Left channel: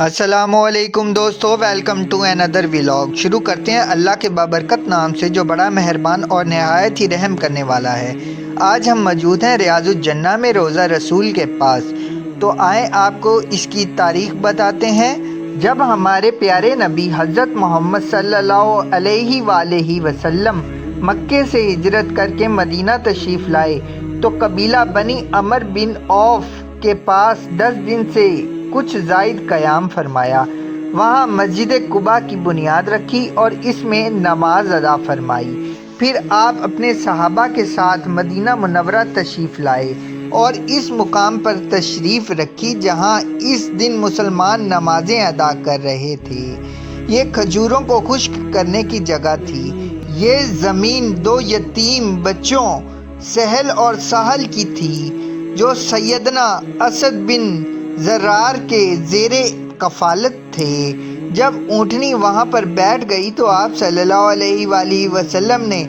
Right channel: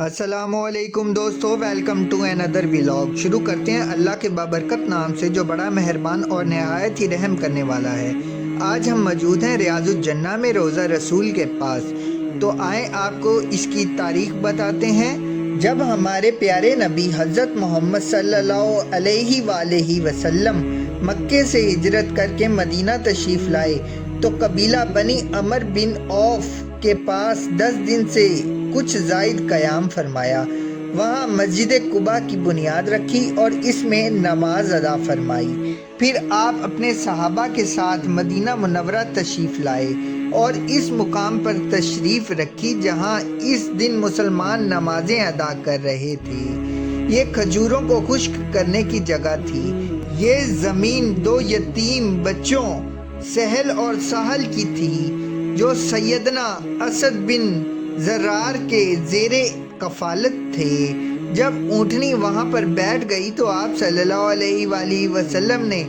السلام علیکم دوستو، ویلکم ٹو اندر ولاگ۔ شروع کرتے ہیں اللہ کے بابرکت نام سے جو بڑا مہربان اور نہایت ہی رحم کرنے والا ہے۔ آج ہم موجود ہیں ریاض الجنہ میں روضہ رسول کے پاس، تو آئیں آپ کو اس کی تاریخ بتاتے ہیں۔ جب ہمارے پیارے نبی حضرت محمد صلی اللہ علیہ وآلہ وسلم مکے سے ہجرت کر کے مدینہ تشریف لائے تو قبیلہ بنی عمر بن عوف کے پاس 10 دن سے کچھ زائد قیام فرمایا۔ وہاں مسجد قباء کی بنیاد رکھی اور اس میں نماز ادا فرمائی۔ پھر آپ اپنے صحابہ کے ساتھ مدینہ منورہ تشریف لائے اور اس مقام پر تشریف رکھی جہاں اس دن مسلمان نمازیں ادا کر رہے تھے۔ یہ کھجوروں کو خشک کرنے کی جگہ تھی۔ یہ زمین 2 یتیم بچوں سہل اور سہل کی تھی جو سیدنا اسد بن زرار کے زیر کفالت تھے۔ جب اونٹنی وہاں پر بیٹھ گئی تو آپ صلی اللہ علیہ وآلہ وسلم نے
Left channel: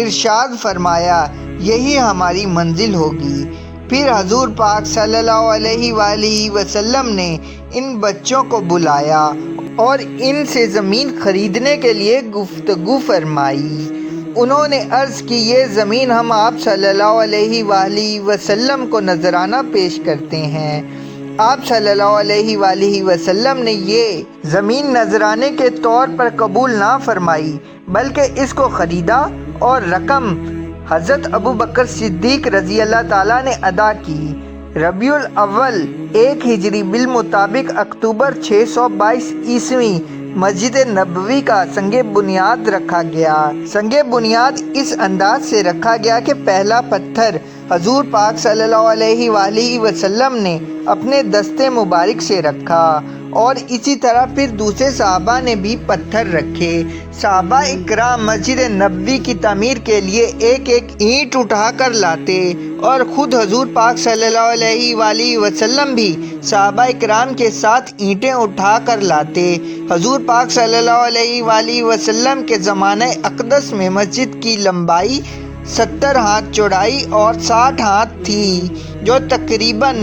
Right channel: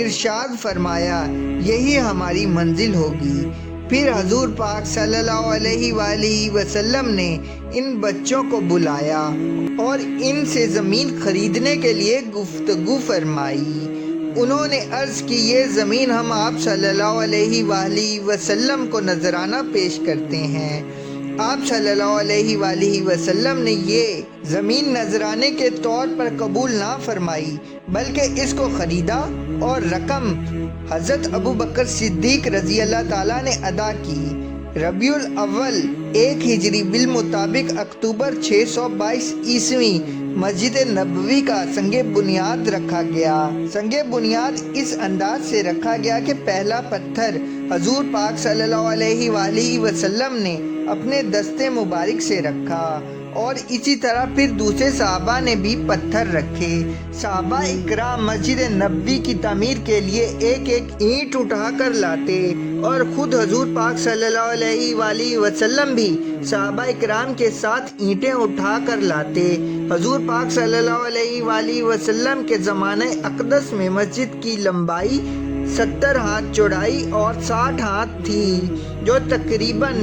ارشاد فرمایا، یہی ہماری منزل ہوگی۔ پھر حضور پاک صلی اللہ علیہ وآلہ وسلم نے ان بچوں کو بلایا اور ان سے زمین خریدنے کے لیے گفتگو فرمائی۔ انہوں نے عرض کی، یہ زمین ہم آپ صلی اللہ علیہ وآلہ وسلم کو نذرانہ پیش کرتے ہیں۔ آپ صلی اللہ علیہ وآلہ وسلم نے یہ زمین نذرانے کے طور پر قبول نہ فرمائی بلکہ اس کو خریدا اور رقم حضرت ابو بکر صدیق رضی اللہ تعالیٰ نے ادا کی۔ ربیع الاول 1 ہجری بالمطابق اکتوبر 622 عیسوی مسجد نبوی کا سنگ بنیاد رکھا گیا۔ سنگ بنیاد اس انداز سے رکھا گیا کہ پہلا پتھر حضور پاک صلی اللہ علیہ وآلہ وسلم نے اپنے دستے مبارک سے رکھا اور اسی طرح پھر دوسرے صحابہ نے بھی پتھر رکھے۔ صحابہ اکرام مسجد نبوی کی تعمیر کے لیے ایک ایک اینٹ اٹھا کر لاتے اور خود حضور پاک صلی اللہ علیہ وآلہ وسلم بھی صحابہ اکرام کے ساتھ اینٹیں اٹھا کر لاتے۔ حضور پاک صلی اللہ علیہ وآلہ وسلم کے زمانہ اقدس میں مسجد کی لمبائی 70 ہاتھ چوڑائی اور 60 ہاتھ تھی جو تقریباً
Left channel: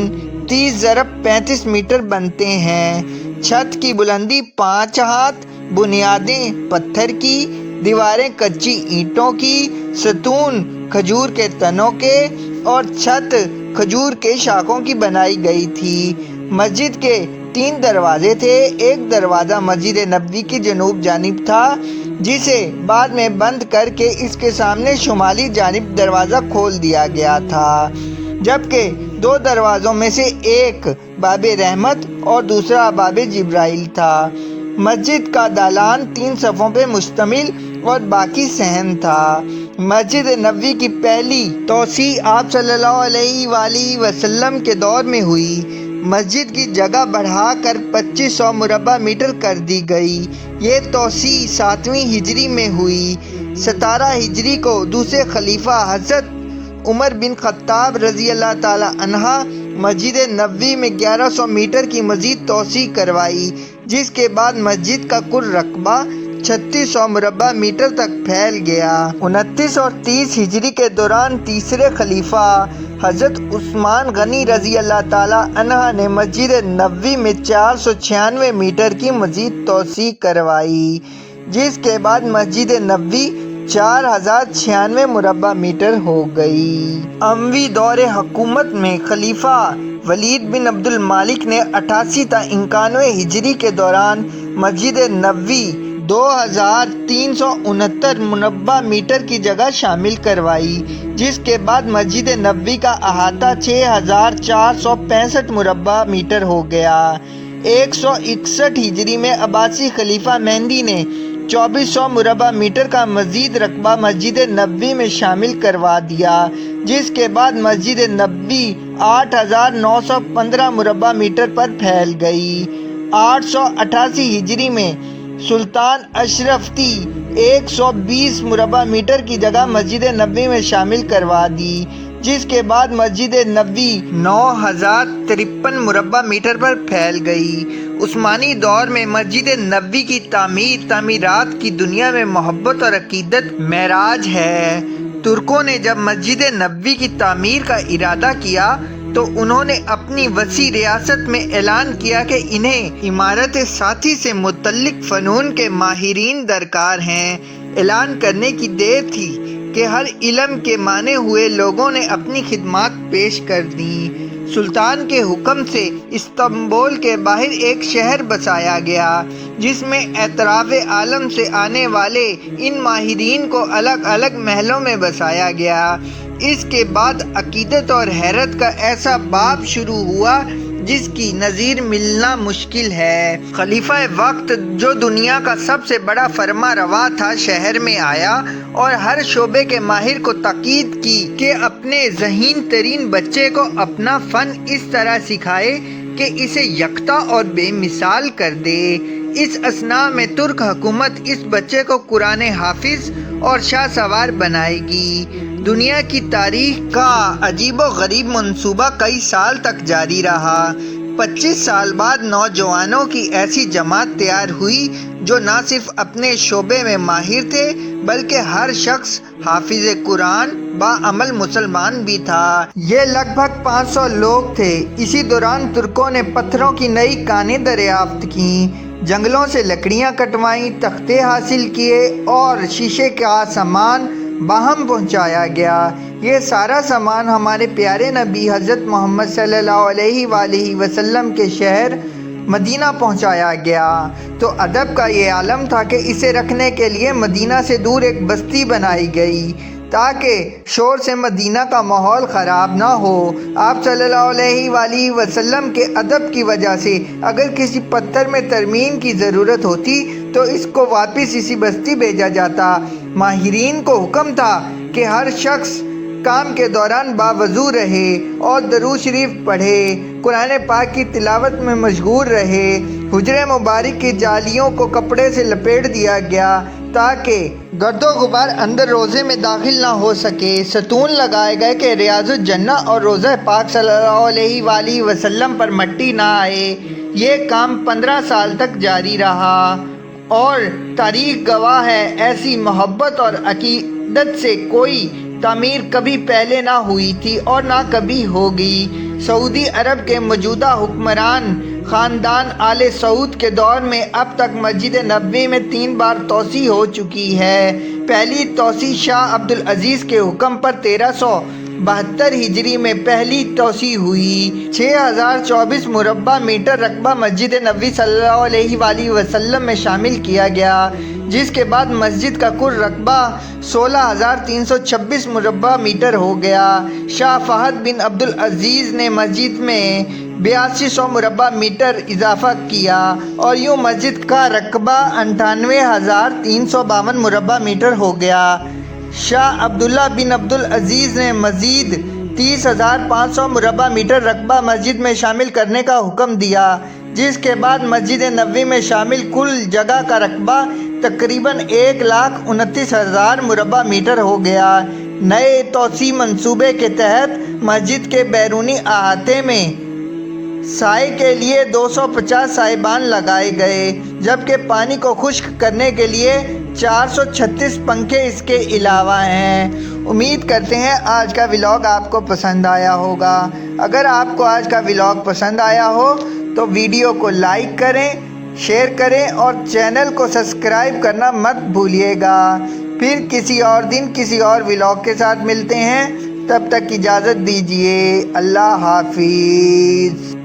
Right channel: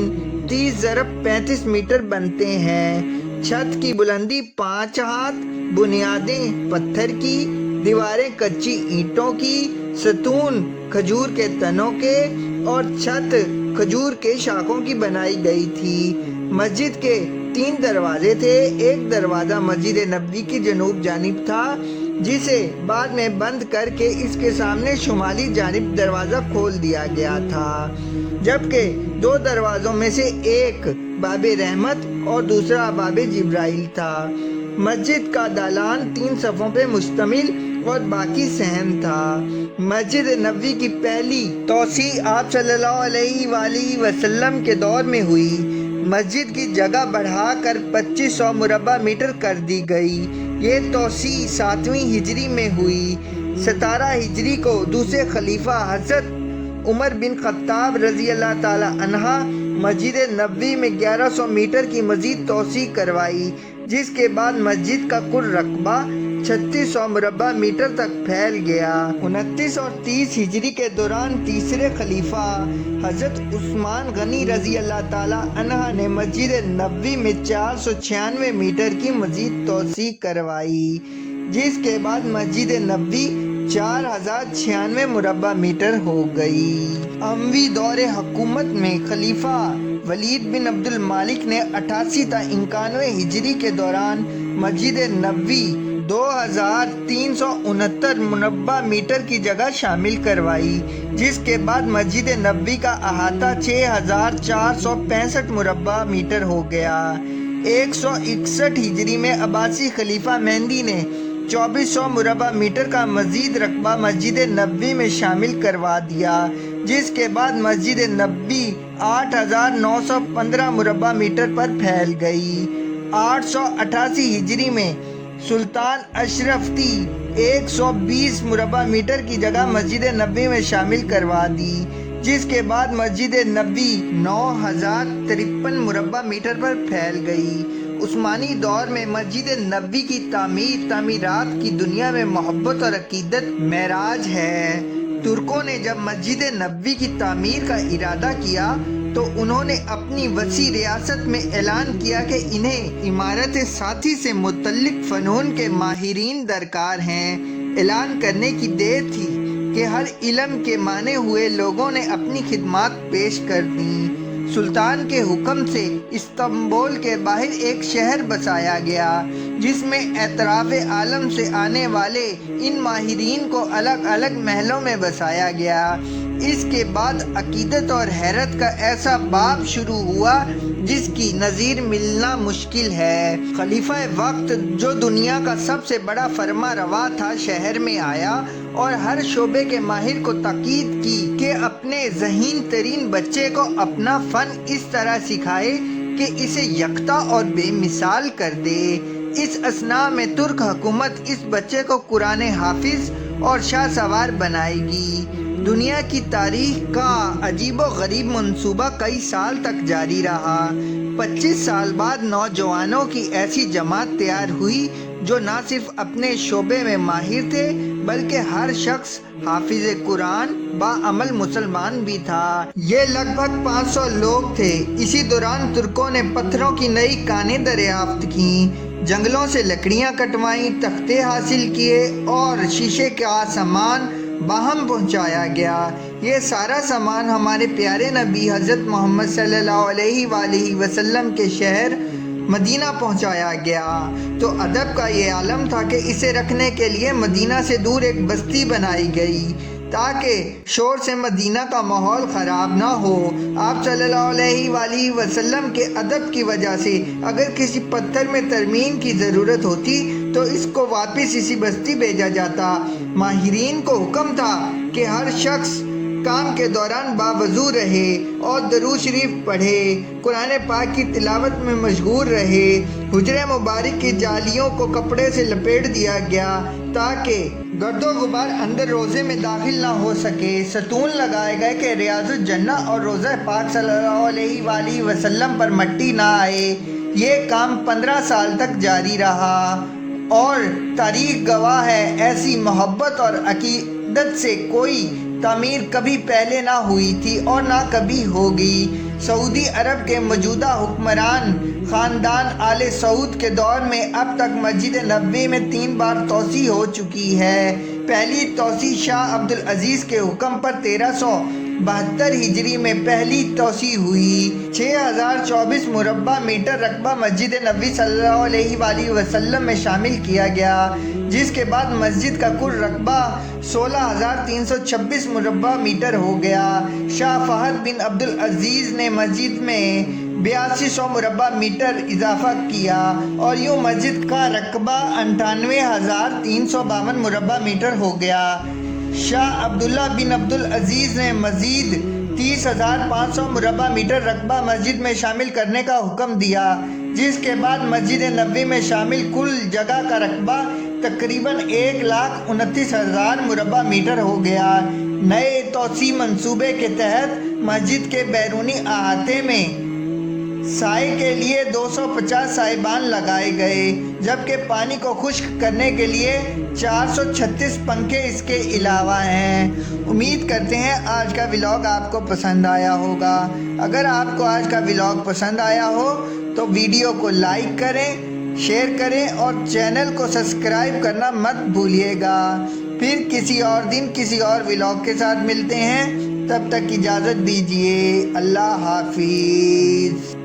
30 ضرب 35 میٹر بنتے ہیں۔ چھت کی بلندی 5 ہاتھ، بنیادیں پتھر کی، دیواریں کچی اینٹوں کی، ستون کھجور کے تنوں کے اور چھت کھجور کے شاخوں کی بنائی گئی تھی۔ مسجد کے 3 دروازے تھے۔ ایک دروازہ مسجد نبوی کی جنوب جانب تھا جسے بعد میں بند کر کے اس کے سامنے شمالی جانب دروازہ کھول دیا گیا تھا، جبکہ 2 دروازوں میں سے ایک باب رحمت اور دوسرا باب جبرائیل تھا۔ مسجد کا دالان 3 صفوں پہ مشتمل اور باقی صحن تھا۔ مسجد نبوی کی پہلی توسیع آپ صلی اللہ علیہ وآلہ وسلم کے دور میں ہوئی۔ مسجد کی جگہ بڑھا کر 2500 مربع میٹر کر دی گئی۔ یہ توسیع 7ویں ہجری میں ہوئی۔ 17 ہجری کو دوسرے خلیفہ حضرت عمر بن خطاب رضی اللہ تعالی عنہ مسجد نبوی میں 1100 میٹر کی مزید توسیع کروائی، جس کے بعد مسجد کا کل رقبہ 3600 مربع میٹر تک پھیل گیا۔ 29 اور 30 ہجری کے دوران تیسرے خلیفہ حضرت عثمان غنی رضی اللہ تعالی عنہ نے مسجد نبوی میں 496 میٹر کی مزید توسیع کروائی، جس کے بعد مسجد نبوی 4096 مربع میٹر ہو گئی۔ اموی دور حکومت میں خلیفہ ولید بن عبد المالک نے 88 تا 91 ہجری کے دوران مسجد نبوی 2369 مربع میٹر کی جگہ شامل کروائی، جس کے بعد مسجد نبوی کا احاطہ 6465 مربع میٹر ہو گیا۔ 161 ہجری میں عباسی خلیفہ مہدی نے 2400 مربع میٹر کا مزید رقبہ مسجد نبوی میں شامل کروا دیا، جس کے بعد مسجد نبوی 8915 مربع میٹر پر پھیل گئی۔ 888 ہجری میں سلطان اشرفتی 120 مربع میٹر کی جگہ مسجد نبوی میں شامل کروا دی، جس کے بعد مسجد نبوی 9053 مربع میٹر پر پھیل گئی۔ عثمانی دور میں مسجد نبوی کی تعمیرات کی دنیا میں محبت اور عقیدت معراج ہے۔ ترکوں نے جب مسجد نبوی کی تعمیر کا ارادہ کیا تو انہوں نے اپنی وسیع ریاست میں اعلان کیا کہ انہیں عمارت ساتھی سے متعلق فنون کے ماہرین درکار ہیں۔ اعلان کرنے کی دیر تھی کہ ہر علم کے مانے ہوئے لوگوں نے اپنی خدمات پیش کر دیں۔ سلطان کے حکم سے استنبول کے باہر ایک شہر بسایا گیا جس میں اطراف عالم سے آنے والے ان ماہرین کو الگ الگ محلوں میں بسایا گیا۔ اس کے بعد عقیدت اور حیرت کا ایسا باب شروع ہوا جس کی نظیر ملنا مشکل ہے۔ خلیفہ وقت جو دنیا کا سب سے بڑا فرما روا تھا شہر میں آیا اور ہر شعبے کے ماہر کو تاکید کی کہ اپنے ذہین ترین بچے کو اپنا فن اس طرح سکھائے کہ اسے یکتا اور بے مثال کر دے۔ اس اثناء میں ترک حکومت اس بچے کو قرآن حافظ اور شاہ سوار بنائے گی۔ دنیا کی تاریخ کا عجیب و غریب منصوبہ کئی سال تک جاری رہا۔ 25 سال بعد نوجوانوں کی ایسی جماعت تیار ہوئی جو نہ صرف اپنے شعبے میں ماہر تھے بلکہ ہر شخص حافظ قرآن باعمل مسلمان بھی تھا۔ یہ لگ بھگ 500 لوگ تھے۔ اسی دوران ترکوں نے پتھروں کی نئی کانیں دریافت کیں، جنگلوں سے لکڑیاں کٹوائیں، تختے حاصل کیے اور شیشے کا سامان باہم پہنچایا گیا۔ یہ سارا سامان ہمارے پیارے نبی حضرت محمد صلی اللہ علیہ وآلہ وسلم کے شہر مدینہ پہنچایا گیا تو ادب کا یہ عالم تھا کہ اسے رکھنے کے لیے مدینہ سے دور ایک بستی بنائی گئی تاکہ شور سے مدینہ کا ماحول خراب نہ ہو۔ آپ صلی اللہ علیہ وآلہ وسلم کے ادب کی وجہ سے اگر کسی پتھر میں ترمیم کی ضرورت ہوتی تو اس کو واپس اسی بستی بھیجا جاتا۔ ماہرین کو حکم تھا کہ ہر شخص کام کے دوران باوضو رہے اور درود شریف پڑھے، قرآن پاک کی تلاوت میں مشغول رہے۔ حجرے مبارک کی جالیوں کو کپڑے سے لپیٹ دیا گیا تاکہ گرد و غبار اندر روزے میں داخل نہ ہو سکے۔ ستون لگائے گئے کہ ریاض الجنہ اور روضہ پاک صلی اللہ علیہ وآلہ وسلم پر مٹی نہ آئے۔ یہ کام 15 سال تک جاری رہا اور تاریخ گواہ ہے ایسی محبت اور عقیدت سے کوئی تعمیر کبھی پہلے نہ ہوئی تھی اور نہ کبھی ہوگی۔ سعودی عرب کے موجودہ حکمران خاندان آل سعود کے دور میں اب تک مسجد نبوی میں 3 بار توسیع ہو چکی ہے۔ پہلی توسیع شاہ عبدالعزیز کے حکم پر 1372 ہجری میں پہلی توسیع ہوئی۔ 6024 مربع میٹر رقبہ مسجد نبوی صلی اللہ علیہ وآلہ وسلم میں شامل کیا گیا، جس کے بعد مسجد کا کل رقبہ 16326 مربع میٹر ہو گیا۔ شاہ فہد بن عبدالعزیز نے مسجد میں 8200 مربع میٹر اضافہ کیا اور یوں مسجد کا رقبہ 98352 مربع میٹر ہو گیا۔ شاہ عبداللہ بن عبدالعزیز نے مزید 30500 مربع میٹر رقبہ مسجد میں شامل کرنے کا حکم دیا، جس کے بعد مسجد نبوی میں شامل کل جگہ کا رقبہ تقریباً 129,000 مربع میٹر ہو گیا۔ نئے توسیع منصوبے کے تحت مسجد کے بیرونی احاطے میں سائے کے لیے 250 سائبان لگائے گئے، جبکہ پانی کو خشک کرنے کے لیے 436 پنکھے اس کے علاوہ ہیں۔ امید کرتے ہیں آج کا ولاگ آپ کو پسند آیا ہوگا۔ اگر آپ کو آج کا ولاگ پسند آیا ہو تو ویڈیو کو لائک کریں، شیئر کریں اور چینل کو سبسکرائب کرنا مت بھولیے گا۔ پھر کسی اور دن کسی اور ولاگ کے ساتھ ملتے ہیں، تب تک اجازت دیجیے۔ اللہ حافظ۔